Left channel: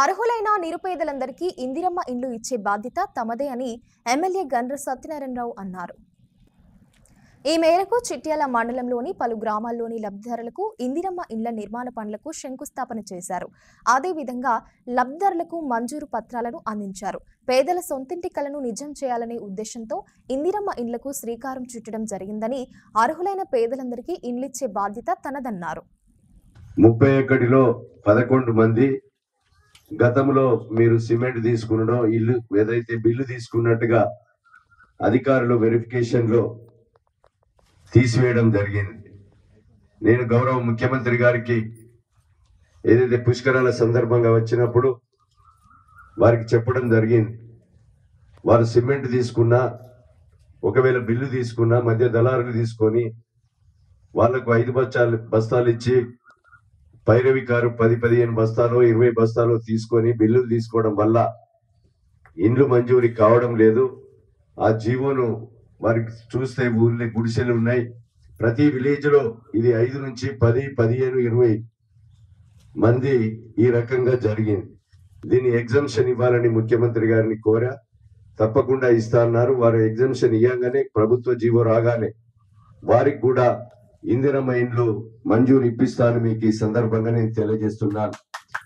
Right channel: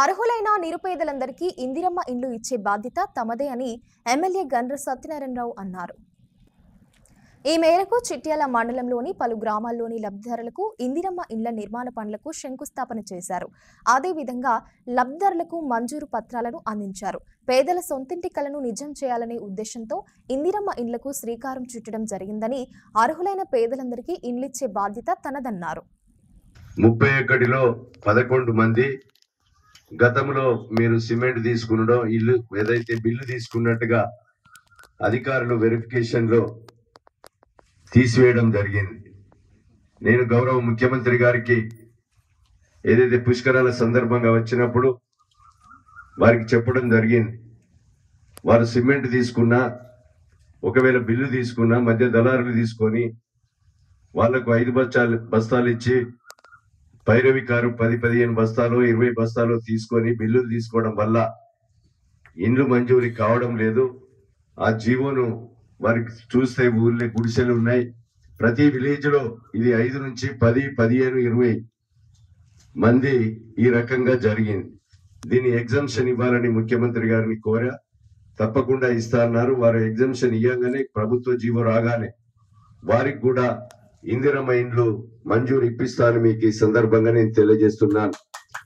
అర్హులైన నిరుపేదలందరికీ ఇందిరమ్మ ఇండ్లు ఇచ్చే బాధ్యత తమదే అని ఎమ్మెల్యే గండ్ర సత్యనారాయణరావు అన్నారు. ఈ మేరకు చిట్యాల మండలంలోని పలు గ్రామాల్లోని లబ్ధిదారులకు ఇందిరమ్మ ఇండ్ల నిర్మాణ పనులకు శంకుస్థాపన చేశారు. అదేవిధంగా లబ్ధిదారులకు మంజూరు పత్రాలను అందించారు. పేదల సొంతింటి కలను నిజం చేయాలనే ఉద్దేశంతో ఇందిరమ్మ ఇండ్లకు శ్రీకారం చుట్టడం జరిగిందని, అర్హులైన పేదలందరికీ ఇండ్లిచ్చే బాధ్యత తనదన్నారు. 31లో 11 మంది గతంలో మీరు సిమెంట్ తీసుకునడం ఇల్లు ఏదైతే బిల్లు తీసుకున్నట్టుగా అధికారులు వెరిఫికేషన్ లో తీసివేయడం జరిగింది. నేను గౌరవ ముఖ్యమంత్రి గారికి ఏదైతే పుష్కరాల సందర్భంగా వచ్చినప్పుడు వారికి చెప్పడం జరిగింది. వారు సిమెంట్ తీసుకున్నా, ఒకవేళ బిల్లు తీసుకున్నా మధ్య దళారులు తీసుకొని వాళ్లకు 5 బస్తాలు ఇచ్చి పైరవికారు 10-15 బస్తాలు 20 బస్తాలు తీసుకొని బిల్లులు తీసుకోవడం వల్ల ఇండ్లు మంజూరు కావడం లేదు. ఆ జీవోను వారికి చూస్తే ఊళ్ళో గుడిసెలు ఉన్నాయి. ప్రతి విలేజ్ లో ఇది 5 నుంచి 10, 15, 20 మంది ఈ రకంగా జరిగింది. దీన్ని ఎగ్జంప్షన్ ఇవ్వాలని ముఖ్యమంత్రి గారిని కోరా, తప్పకుండా ఇస్తా అన్నారు. వారు ఎగ్జంప్షన్ ఇవ్వగానే ప్రభుత్వ జీవో రాగానే వారికి కూడా ఇందిరమ్మ ఇండ్లు మంజూరు ఇప్పిస్తానని మీకు ఈ సందర్భంగా నేను తెలియజేస్తున్నాను.